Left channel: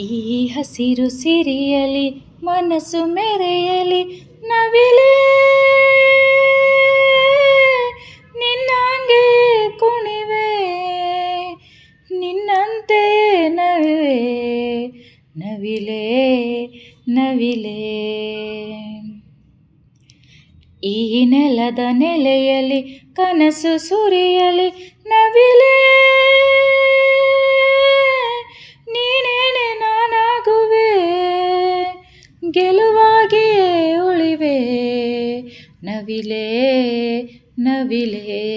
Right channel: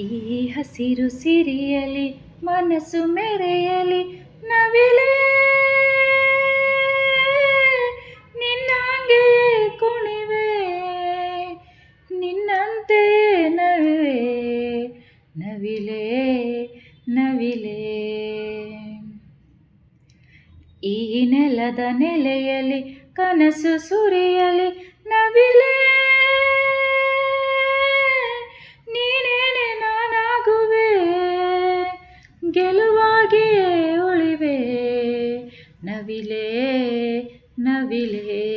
ಈ ಹಸಿರು ಸಿರಿಯಲಿ, ಮನಸ್ಸು ಮೆರೆಯಲಿ, ನವಿಲೇ. ನಿನ್ನಂಗೆ ಕುಣಿವೆ, ನಿನ್ನಂತೆ ನವೆ ನವಿಲೇ ನವಿಲೇ. ಈ ನೆಲದ ನೆಲೆಯಲ್ಲಿ, ಕನಸು ಸುರಿಯಲಿ, ನವಿಲೇ. ಗೆಲುವಾಗಿಯೇ ಉಳಿವೆ. ನವಿಲೆ ನವಿಲೆ.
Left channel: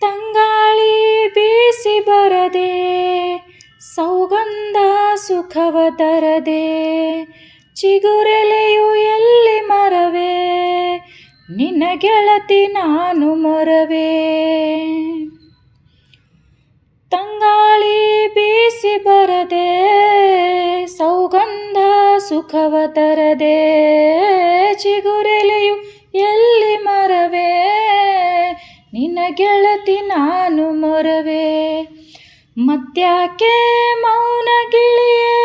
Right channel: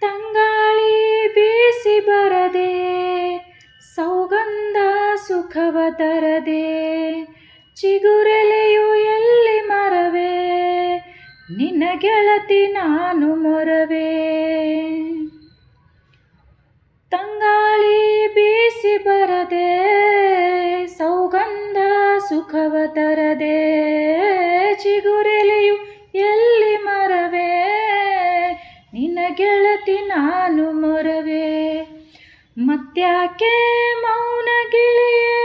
ತಂಗಾಳಿ ಬೀಸಿ ಬರದೆ, ಸೌಗಂಧ ಸುಖವ ತರದೆ, ಚಿಗುರೆಲೆಯು ಎಲ್ಲಿ ಮರವೇ, ನಿನ್ನ ಗೆಳತಿ ನಾನು ಮೊರವೇ. ತಂಗಾಳಿ ಸುಖವ ತರದೆ ಚಿಗುರೆಲೆಯು ಎಲ್ಲಿ ಮರವೇ? ನಿನ್ನ ಗೆಳತಿ ನಾನು ಮೊರವೇ? ಮತ್ಯಾಕೆ ಮೌನ ಗಿಳಿಯೇ?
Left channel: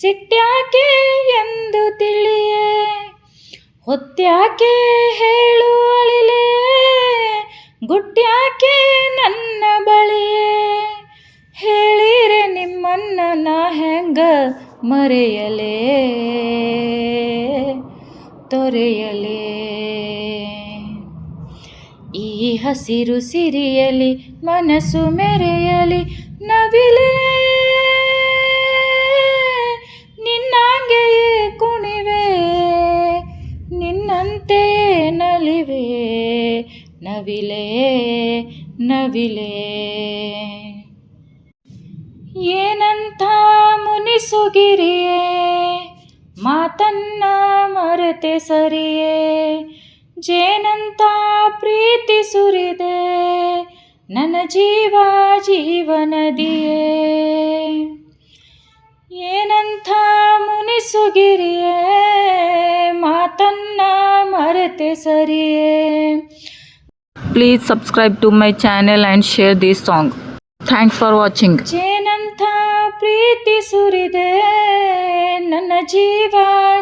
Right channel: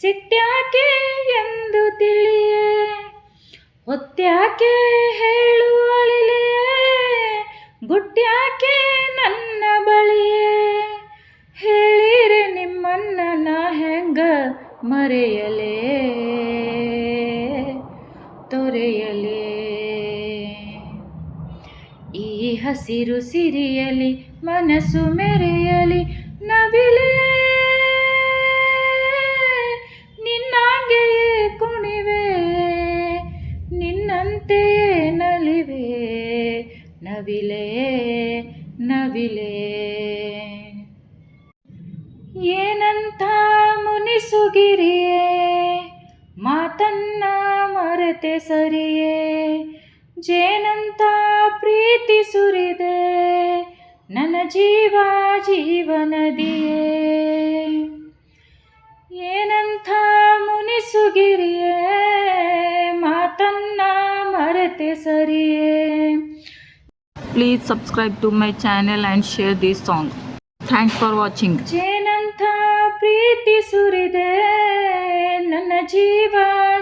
ಸಿಟ್ಯಾಕೆ ಎಂದು ತಿಳಿಯೇ? ಹೊತ್ತ್ಯಾಕೆ ಹೇಳು ಅಳಿಲೆ? ಗುಟ್ಯಾಕೆ ನನ್ನ ಬಳಿಯೇ? ಹೇಳಿರೆ ನಿಮ್ಮನ್ನ ನಾ ಹೆಂಗ ಮರೆಯಲೇ? ತೊರೆಯಲೇ? ಈ ಹಸಿರು ಸಿರಿಯಲಿ ಮನಸ್ಸು ಮೆರೆಯಲಿ ನವಿಲೇ? ನಿನ್ನಂಗೆಯೇ ಕುಣಿವೆ? ನಿನ್ನಂತೆಯೇ ನಲಿವೆ? ನವಿಲೇ? ನವಿಲೇ? ಏನಂತ ಮುನಿಸುಗಿರಿಯೇ ಮಾತನ್ನ ಮರೆತೆ ಸರಿಯೇ ಜೇನಂತ ಪ್ರೀತಿ ಸುರಿದೆ ನನ್ನ ಜೀವ ಜೀವನದಿಯೇ ಏನಂಥ ಮುನಿಸುಗಿರಿಯೇ ಮಾತನ್ನ ಮರೆತೆ ಸರಿಯೇ Please subscribe to my channel and share this song. Thanks for watching. ಪ್ರೀತಿ ಸುರಿದೆ, ನನ್ನ ಜೀವ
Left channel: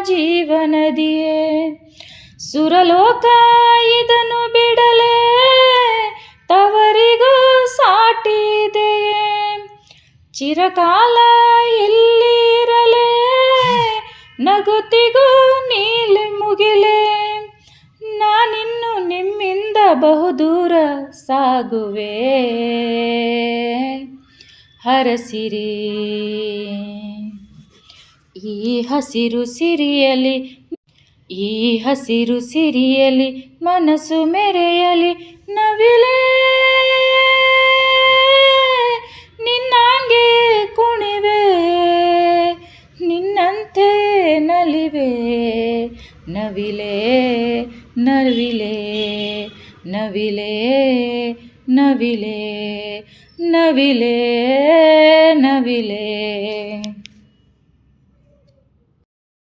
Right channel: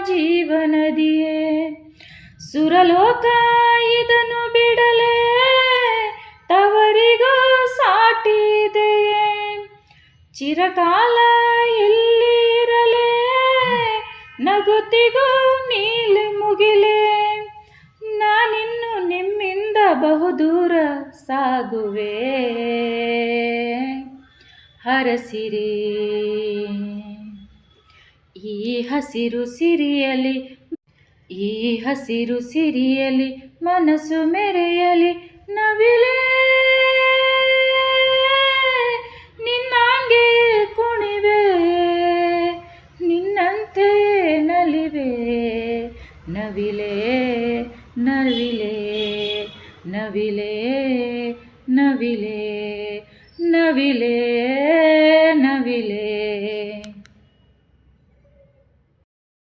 ಜೀವನದಿಯೇ. ಸುರಲೋಕ ಇದನ್ನು ಬಿಡಲೇ, ತವರಿಗೂ ಸಾಟಿದೆಯೇ. ಚಿರಕಾಲ ಇಲ್ಲಿರಲೇ ನಗುತ್ತಿಗೂ ನೀಲಿ ಮುಗಿಲೆ. ನಾನಿನ್ನು ನಿಮ್ಮಿಂದ ಬಹುದೂರ ಸಾಗುವೆ. ಹರಸಿರಿ. ಈ ಹಸಿರು ಸಿರಿಯಲಿ ಈ ಹಸಿರು ಸಿರಿಯಲಿ ಮನಸ್ಸು ಮೆರೆಯಲಿ, ನವಿಲೇ ನಿನ್ನಂಗೆ ಕುಣಿವೆ, ನಿನ್ನಂತೆ ನಲಿವೆ. ನವಿಲೇ ನವಿಲೇ ನವಿಲೇ ನವಿಲೇ ನವಿಲೇ. ನವಿಲೇ